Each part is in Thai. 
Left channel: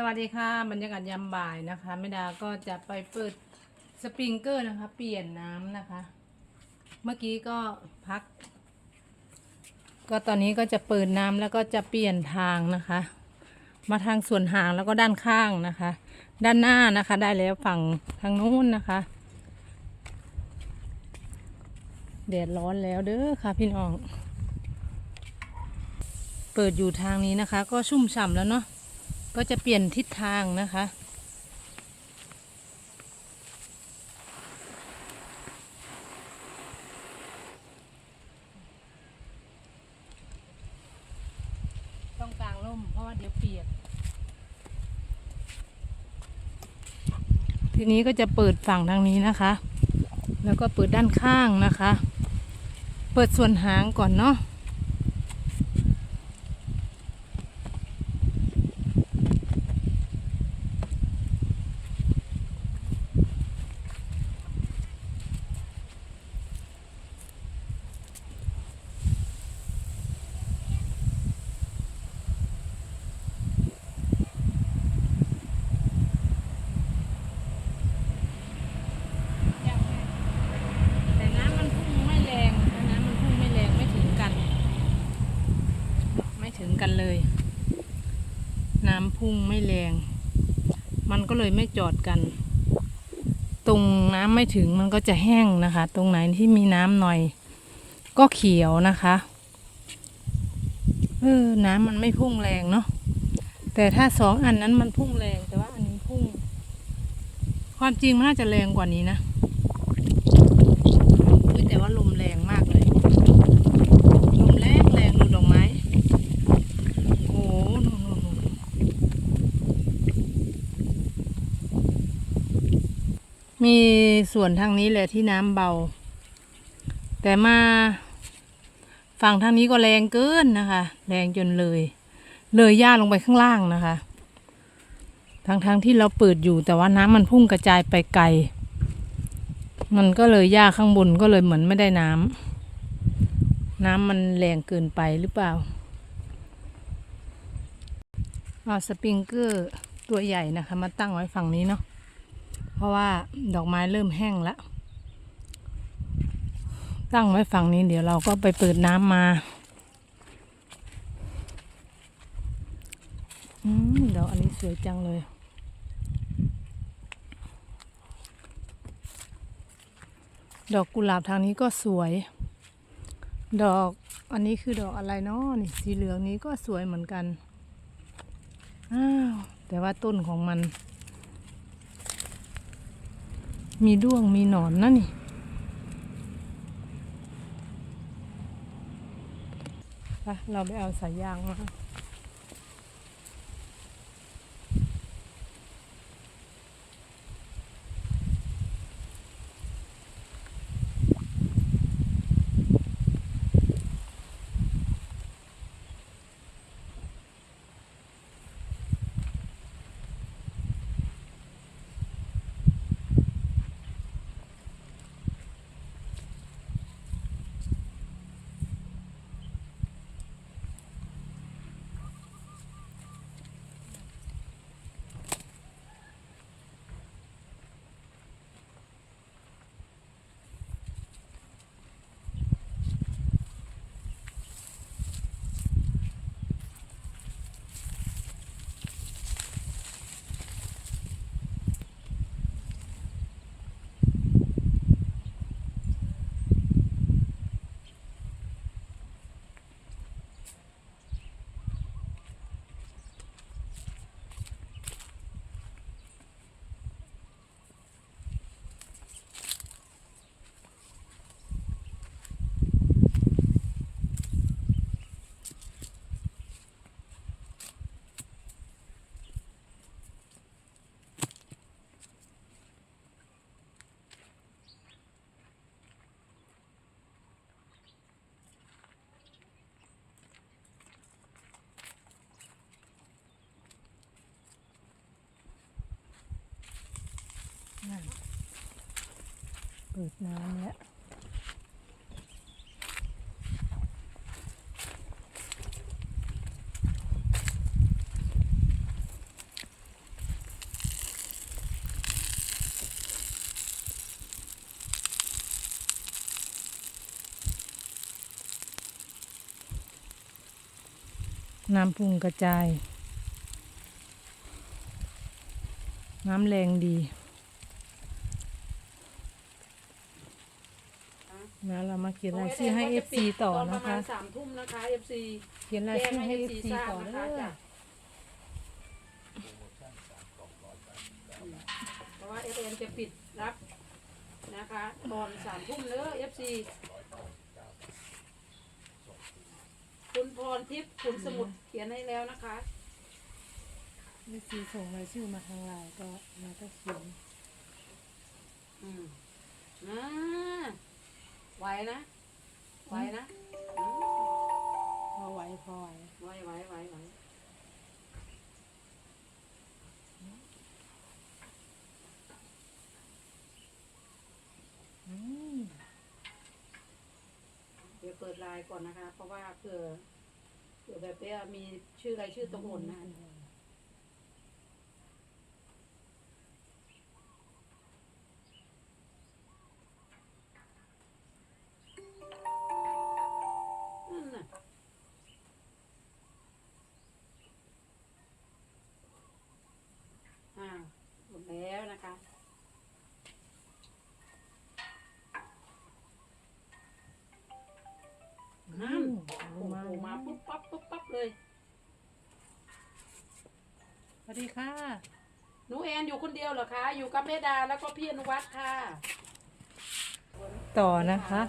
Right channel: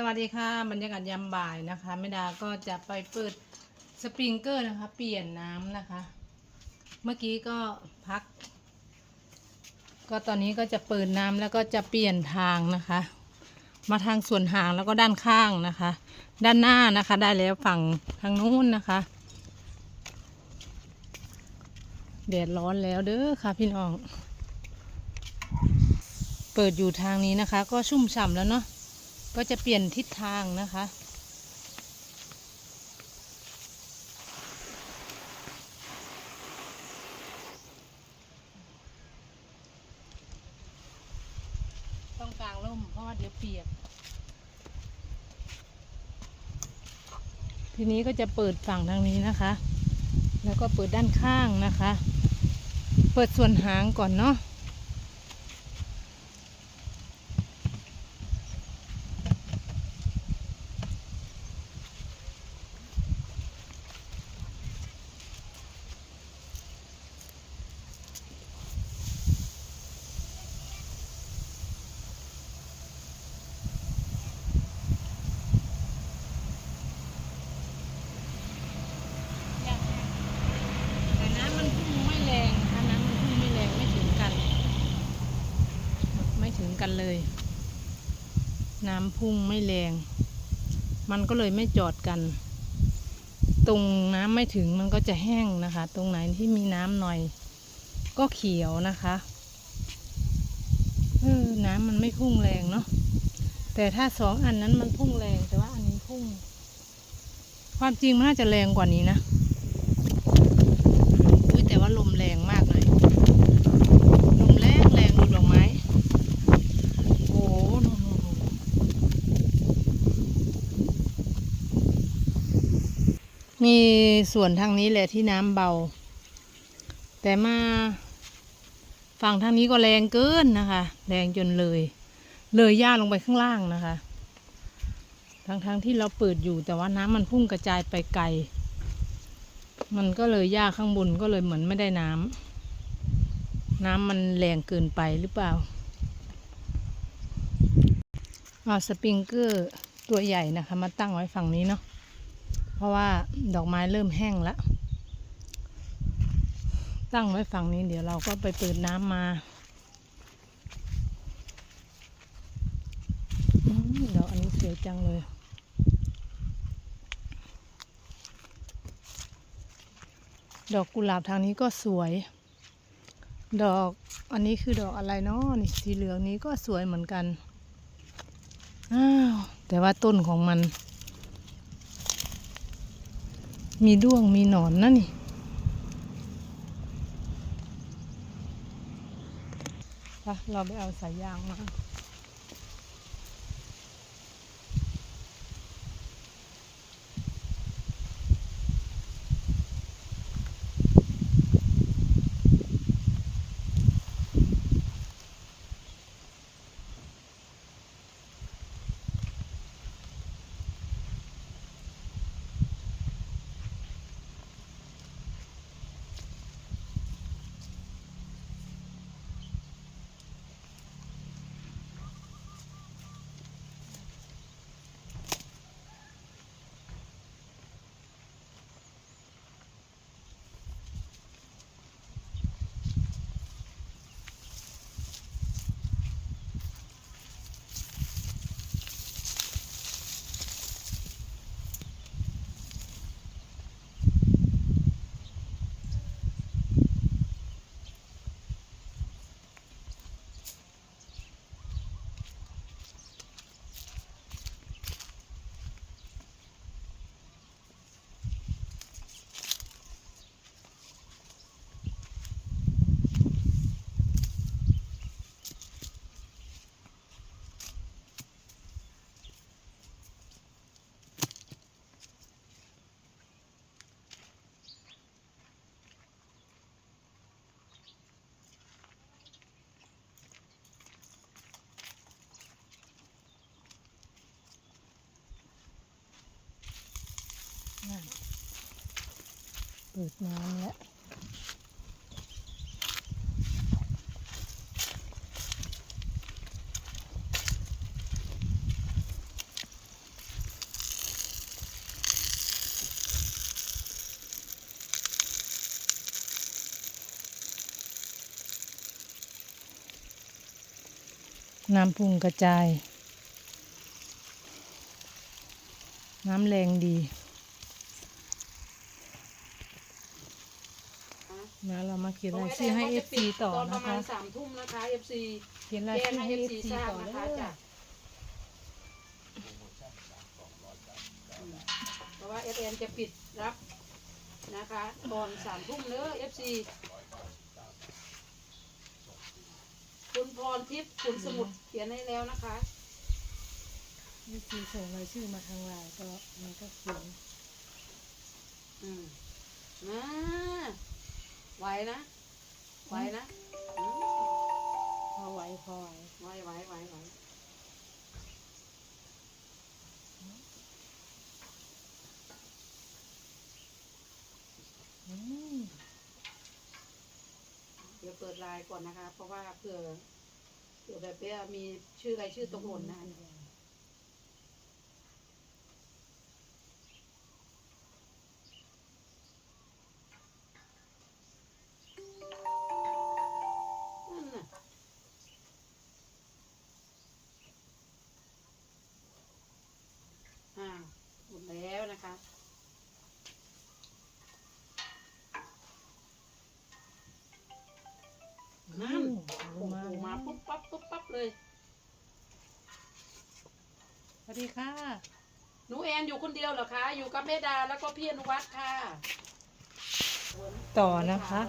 สวัสดีค่ะบรรยากาศยามบ่ายนะคะแม่ดาก็จะไปเปิดสปริงเกอร์นะคะ เปลี่ยนน้ำนะคะ เมื่อกี้ก็พัก ก็ตอนนี้ก็จะเปิดน้ำแล้วก็จะเปลี่ยนทางนะคะ มาทางส่วนหางแล้วก็ด้านข้างนะคะ ด้านหน้านะคะ ได้แล้วฝั่งทางนู้นนะคะแดดร้อนแล้วเด้อค่ะพี่น้อง เปิดอยู่ทางนี้นะคะ ก็ชุ่มฉ่ำแล้วเนาะ ก็จะเปลี่ยนทิศทางนะคะ ต้องกลางร่มเพราะว่าเดี๋ยวเปียก ทีนี้ก็จะเปิดฝั่งทางนี้นะคะ แล้วก็เปิดด้านข้างนะคะ เปิดส่วนหางก่อนเนาะ แต่น้ำมันพุ่งไม่แรงนะคะน้ำมันพุ่งไม่แรงไม่ถึงกัน ไม่ถึง กันเลย น้ำพุ่งไม่แรง มันก็เลยไม่จอดกัน ตรงน้ำไม่ถึงมันก็จะแห้งนะคะ ตรงไหนที่มีน้ำหน่อย ก็เขียวนะคะเออน้ำมันไม่พุ่งแรงเนาะแต่ถ้าสองอันนั้นมันพุ่งแรงแต่ว่าอันนี้พุ่ง ความจริงมันน่าจะแรงกว่านี้นะแต่ว่าลมแรงมากเลย ลมแรงแรงดูดอกไม้ โอ้โหนู่นนู่นนู่น มีส่วนทางนี้แหละที่น้ำเบา แต่มาฝั่งทางนี้ก็แรงเกินนะคะ แรงจนเลย เลยย่าลงไปข้างล่างนะคะ ทั้งๆทที่เราเปิดอยู่แต่ว่าน้ำมันพุ่งกระจายไปไกล มันก็เลยหญ้าข้างบนก็เลยเหมือนไม่ได้น้ำน้ำมันแรงเกินไปหรือเปล่าเอาสปริงเกอร์ตัวใหญ่นะคะ มาตั้งไว้ฝั่งนี้เนาะ เพราะว่าดอกไม้เริ่มแห้งแล้ว ตั้งไว้ฝั่งนี้เดี๋ยวเราก็ไปเปิดน้ำมาอดอกอันนี้สวยจังเลย ดอกกุหลาบทางนี้ก็สวย ดอกอันนี้คือดอกอะไรเนาะนี่สีเหลืองนี้ก็สวยเหมือนกัน อ้าว แต่ว่าต้นของมัน มีด้วงมีหนอนนะนี่ไปเราไปเอาสายยางมา ดูดน้ำแล้วน้ำพุ่งกระจาย น้ำแรงดี นะเรามาเขียนรายชื่อให้เอฟซีต่อตอนปนะระมาคะ ณสามทุ่มนะคะเอฟซีเขียนรายแจ้งชื่อให้ให้เอเอฟฟซีซีทราบต่อนะเด้คะอจ้ะเพราะว่าเอฟเอ็นจะปิดรับนะคะตอนสามทุ่มเด้อเอฟซีคุณพรทิพย์คุณสมุดเขียนให้แล้วนะคะ เอฟซีส่งรายชื่อมาทางไลน์ก็มันก็เขียนอืมนะ ไหวนะ ไหวนะอืมพอไหวพอไหวไหวไหวไหวไหวอืมเดี๋ยวเปิดไลน์ก่อนนะคะ เพราะว่าเผื่อเผื่อแบบเนี้ยมีชื่ออะไรชื่อตกหล่นนะนั่น ดีค่ะหนูแอนอยู่คนเดียวเหรอคะ อยู่กับแม่ดาแล้วก็พี่อนุวัฒน์ค่ะต่อนะคะ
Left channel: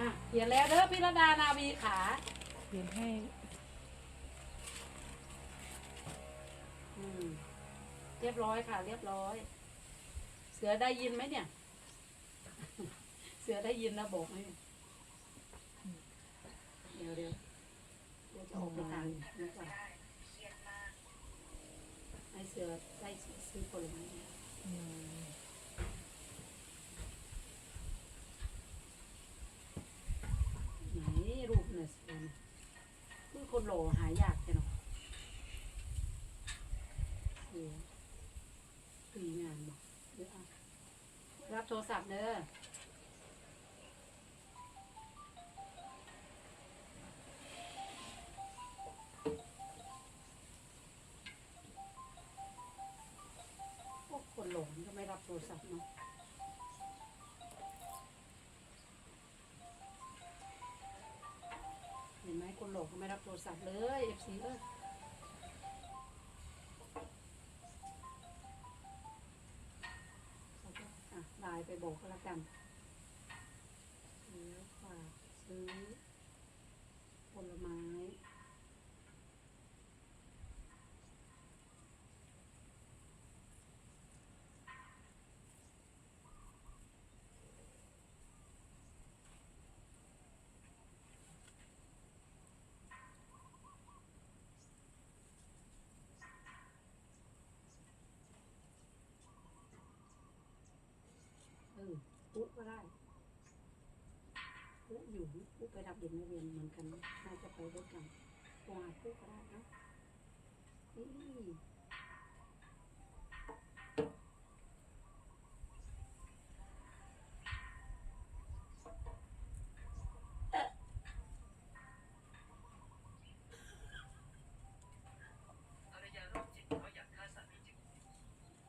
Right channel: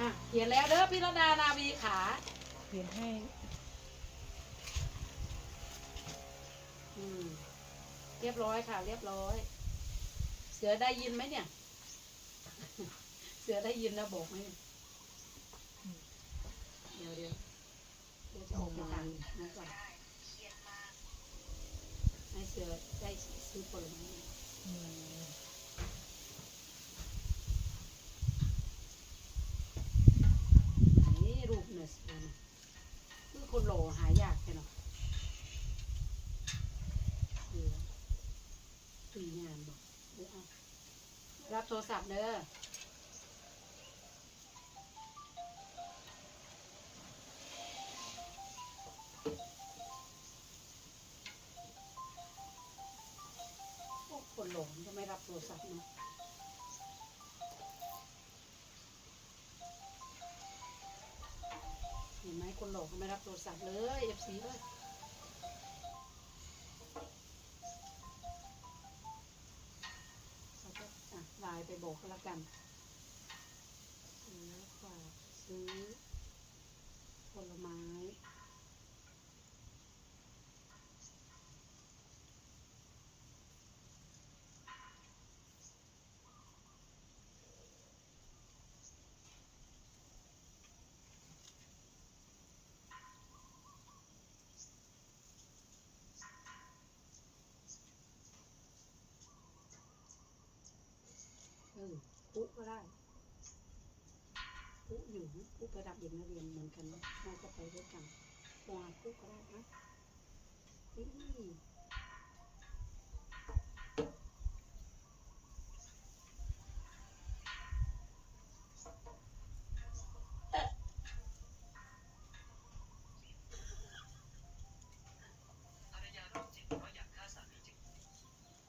อะเขียนแล้วเด้อพี่ระดานาวีขาเขียนให้อืมเรียบร้อยค่ะ เรียบร้อย เสือได้ยินไหมเนี่ย เสือได้ยินนะบอกไหมเดี๋ยวเดี๋ยวเดี๋ยวจะออกมาอ่านนะก่อนให้เสือได้ ซื้อผลไม้ไหนรูปเนี่ยเสือนะคือคนหล่อหายากแค่เนาะเสือตีงานบอกเดี๋ยวเอารับโทรศัพท์เด้อ เนาะเห็นไหมคนหลงก็ไม่รับโทรศัพท์เลยเอฟซีเอ้ยเขาก็อะไลน์ไปบอกก็แล้วกันแล้วฝากซื้อผลไม้ เออปุ๊ก็ได้ปุ๊อยู่ปุ๊ไปรับเด็กนักเรียนเหมือนกันน่าจะไปด้วยกันโทรหาปุ๊ก็ได้นะนี่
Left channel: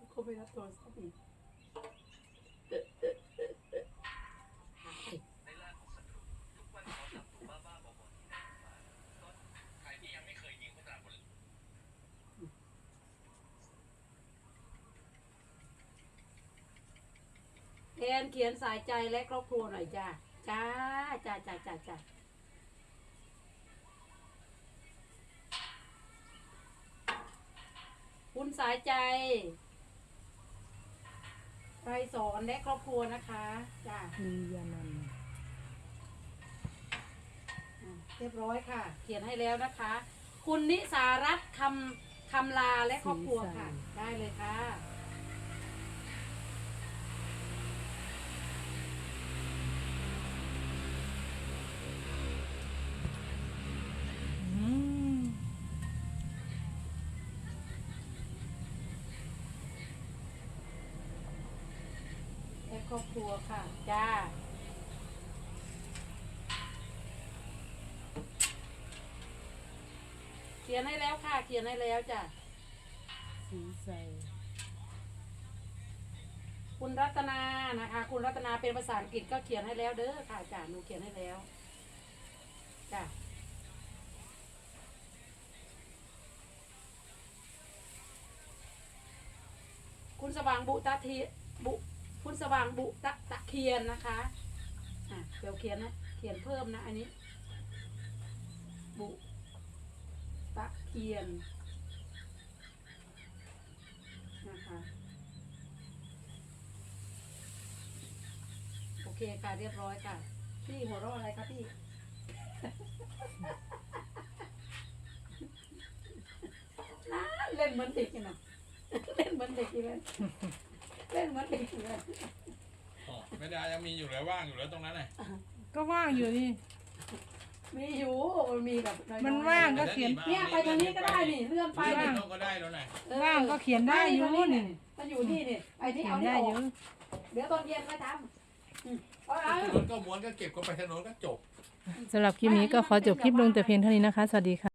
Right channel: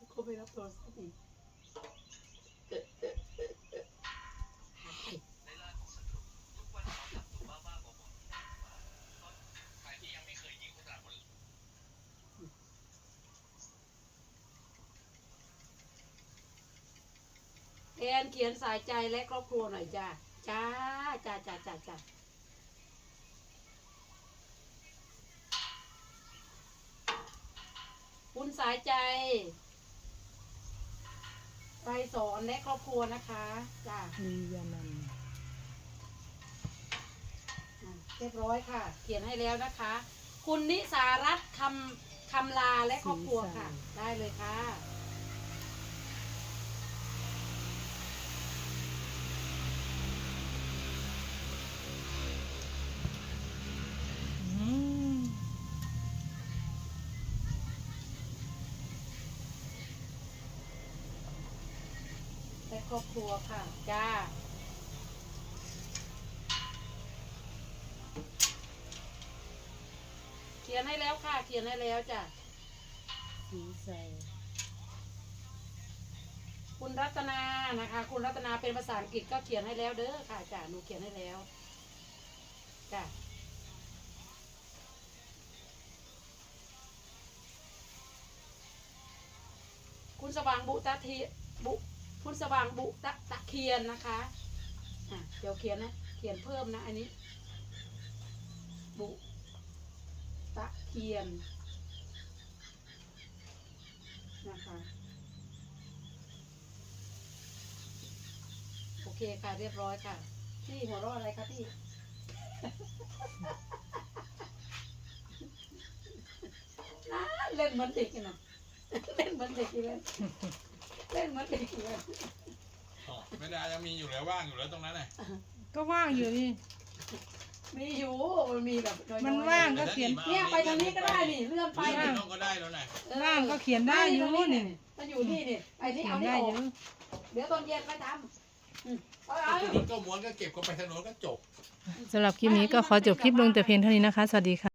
เขาไปรับโทรศัพท์อีก ในล่าของศัตรู ทุกวันเขาจับตัวบ้าๆบอๆที่นั่นมาก็ใครที่ยังไม่เคยยิงพวกเราบน แอนเขียนสายใจและครอบครัวหน่อยจ้าจ้าจ้าจ้าจ้าจ้าคุณสายใจไปสอนและครอบครัวนะคะจ้าลียานันท์อะเรียบร้อยค่ะ เขียนให้แล้วนะคะ คุณนิสารัตน์คำคำลาและครอบครัวค่ะ ได้เลยค่ะ ครอบครัวค่ะจ้าคขียนให้แล้วค่ะ เขียนให้แล้วจ้ะสีใสคุณรัตนานะคะ คุณรัตนาเป็นภาษาอังกฤษก็เขียนให้แล้วเด้อค่ะจ้ะหนูเขียนให้แล้วจ้ะคุณสว่างบุตะทีบุ คุณสว่างบุตะตะเคียนนะคะอะเดี๋ยวเขียนนะเขียนเพิ่มนะอันนี้ บุ ตะเคียนนะคะโอเคค่ะเรียบร้อยค่ะ พี่หัวเราะอะไรคะพี่น่าเล่นเหมือนเด็กนี่นะเล่นเหมือนเด็กอีกเลย เล่นเหมือนเด็กอีกเลยอ๋อไม่ได้ยังมีอยู่แล้วว่างอยู่แล้วตรงนั้นน่ะก็ว่างอยู่นี่ มีอยู่มันมีแบบอยๆมันว่างก็เขียน เนี่ยไปทางนี้ก็ได้นี่เลื่อนไปไปนี่น้องก็ได้แล้วน่ะเออว่างก็เขียนได้อยู่ไม่นี่มันอยู่นี่นี่ไอ้นี่เขียเอานนี่ได้อออยู่กเดี๋ยวตอนเย็นไปทำอืมเอาเอาถนนก็ม้วนก็เก็บก็ไปถนนก็จบ สำหรับคลิปนี้ก็ขอจบคลิปลงแต่เพียงเท่านี้นะคะ สวัสดีค่ะ